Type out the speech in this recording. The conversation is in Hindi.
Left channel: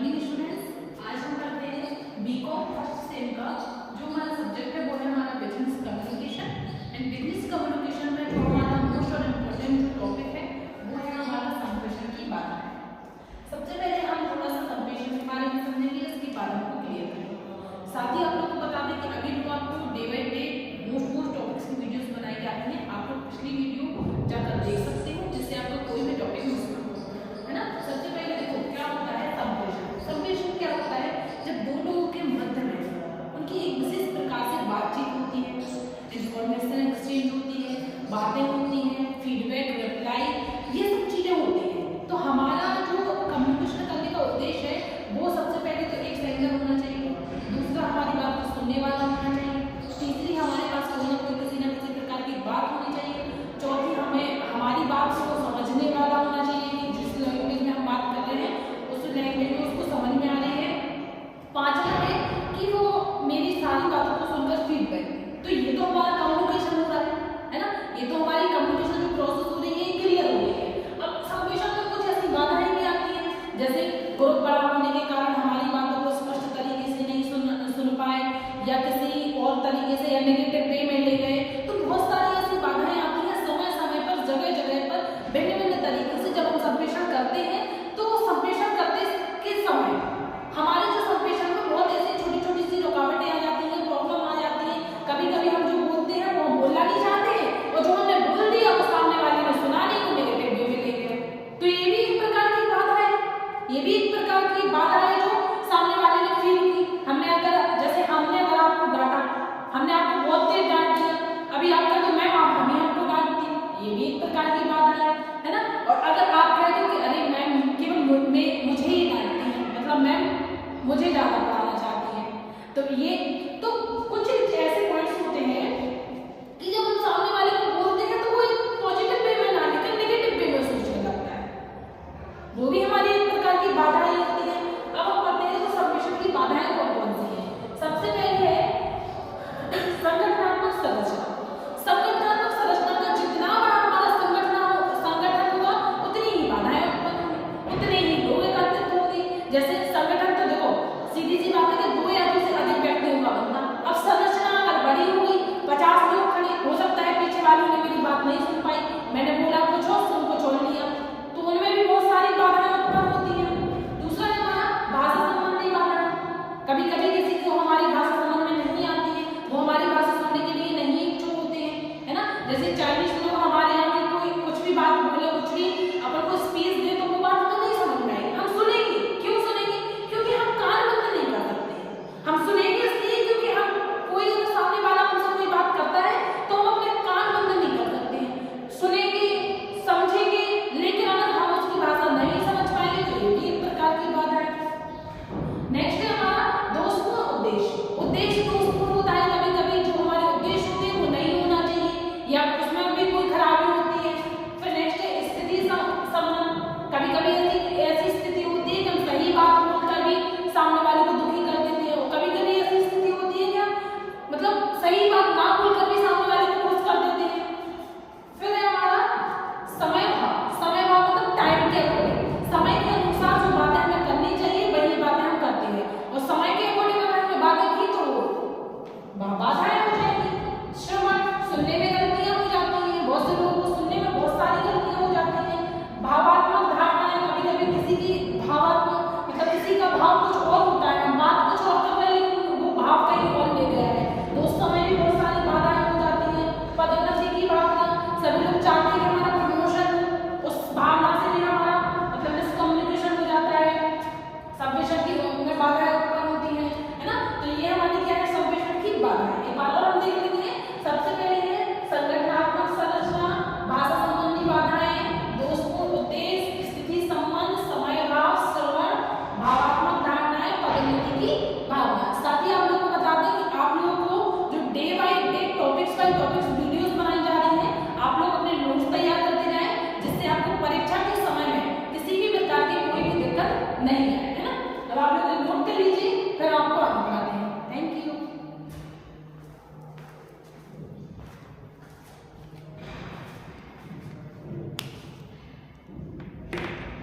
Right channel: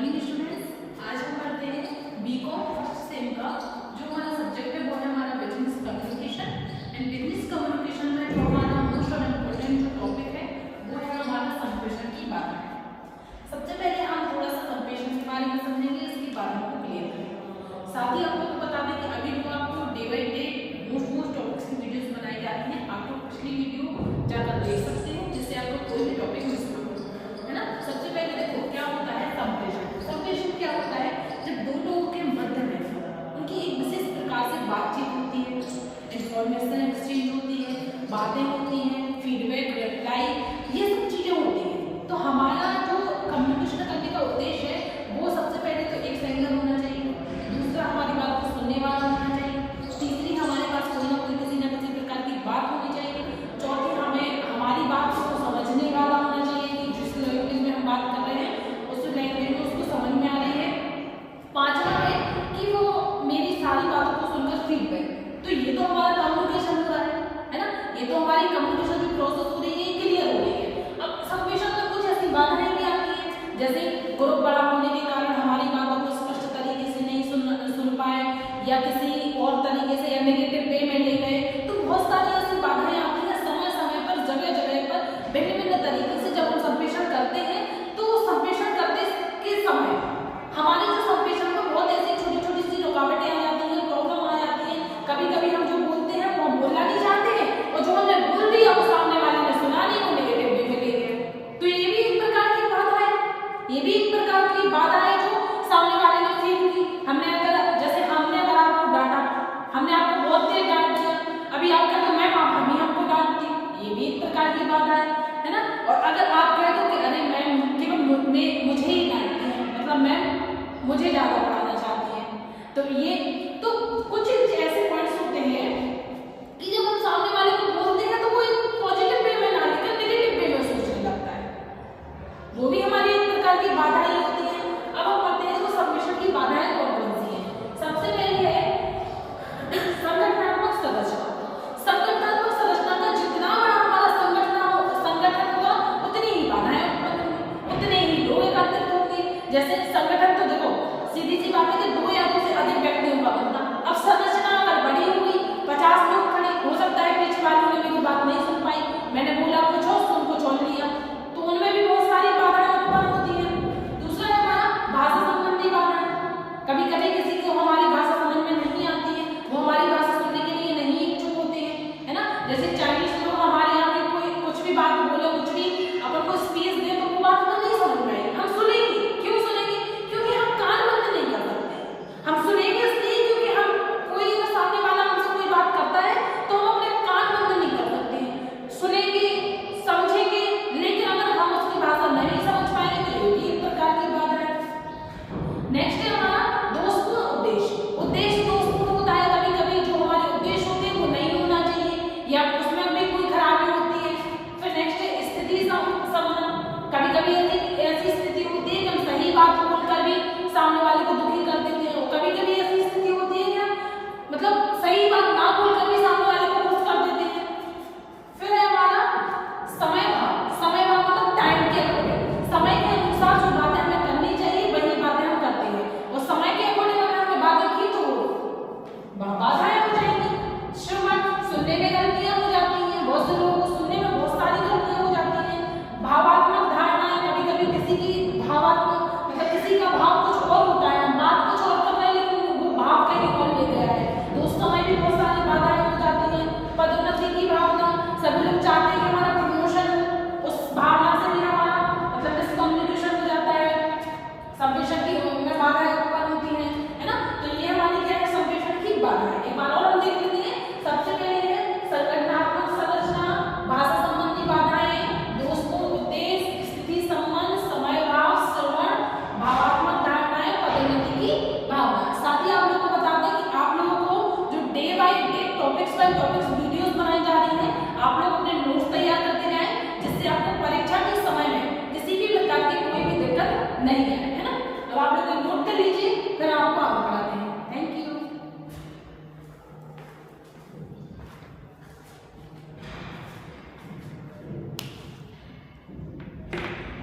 मॉर्निंग स्टूडेंट्स, आज हम पढ़ते हैं बीकॉम फर्स्ट सेम का जो हमारा सब्जेक्ट है वो है हमारा business communication. And business communication में जो हमारा मोस्ट और इम्पोर्टेंट जो टॉपिक है वो है हमारा संप्रेषण की बाधाएं। सबसे पहले हम थोड़ा सा संप्रेषण के बारे में समझेंगे, इसकी बाधाओं को क्लियर करेंगे। साथ ही आप लोग को बता दें कि अभी जो आपको day by day most topics की वीडियोस बनाई जा रही हैं, आप लोग पिछली वीडियो जाकर देख सकते हो जिससे आपको कोई भी टॉपिक मिस ना हो, है ना। सबसे पहले देखो क्या होता है संप्रेषण। संप्रेषण क्या होता है? जब दो लोगों के मध्य में उनकी एक विशेष प्रकार से बातचीत होती है, इंफॉर्मेशन एक्सचेंज होती है, बातें होती हैं, फीडबैक, रिप्लाई, ये सब चीजें होती हैं। तो हमारा जो कम्युनिकेशन करने का उद्देश्य है वो सबसे पहले तो एक सेंडर होना चाहिए, दूसरा हमारी बात को सुनने वाला होना चाहिए, तीसरी हमारे पास कोई ना कोई किसी न किसी प्रकार की बात होनी चाहिए, चौथी हमें हमारी बात को समझने वाला होना चाहिए कि जिस लैंग्वेज में हम बात कर रहे हैं उस लैंग्वेज में उसको समझ में आ रही है, पांचवा है कि वो मेरी सारी बातों को सुनकर फीडबैक। तो ये तो हमारा कम्युनिकेशन हो रहा है ना। ये तो हमारी कम्युनिकेशन जो प्रोसेस हो रही है क्लियर हो रही है। अब संप्रेषण में कुछ ऐसी बाधाएं भी आती हैं, जैसे ग्रुप बड़ा होने के कारण हमारी बातों को स्पष्ट तरीके से नहीं सुन पाए या किसी और तरीके से या नेगेटिव वे में ले गए। तो बहुत सारी ऐसी बाधाएं आती हैं समय समय पर, जगह जगह पर, भिन्न भिन्न तरीके से। जब हम संप्रेषण करते हैं तो संप्रेषण करते के समय हमारे जो संप्रेषण में बहुत ऐसी छोटी छोटी सी रुकावटें आ जाती हैं, प्रॉब्लम आ जाती है। कभी कभी हम जो बोलते हैं वो हम बोलना नहीं चाहते हैं और जो हमने बोल दिया वो सामने वाले ने सुना नहीं, वो नेगेटिव वे में ले गए। तो ये भी एक प्रकार की बाधा है, ये भी एक प्रकार की बाधा है जो सामने वाले ने फील की। हमने अगर अगर आपको डांटा, हमने आपको बहुत देर डांट दिया, अभी आप कह दो मैम आप अभी हमको डांटती, ये भी एक प्रकार की बाधा है ना। और अगर आप कह दो कि अरे मैम केवल मुझे ही डांटती है, मतलब मैम मुझे ज्यादा पढ़ाना चाहती है, तो ये तो कुछ ऐसी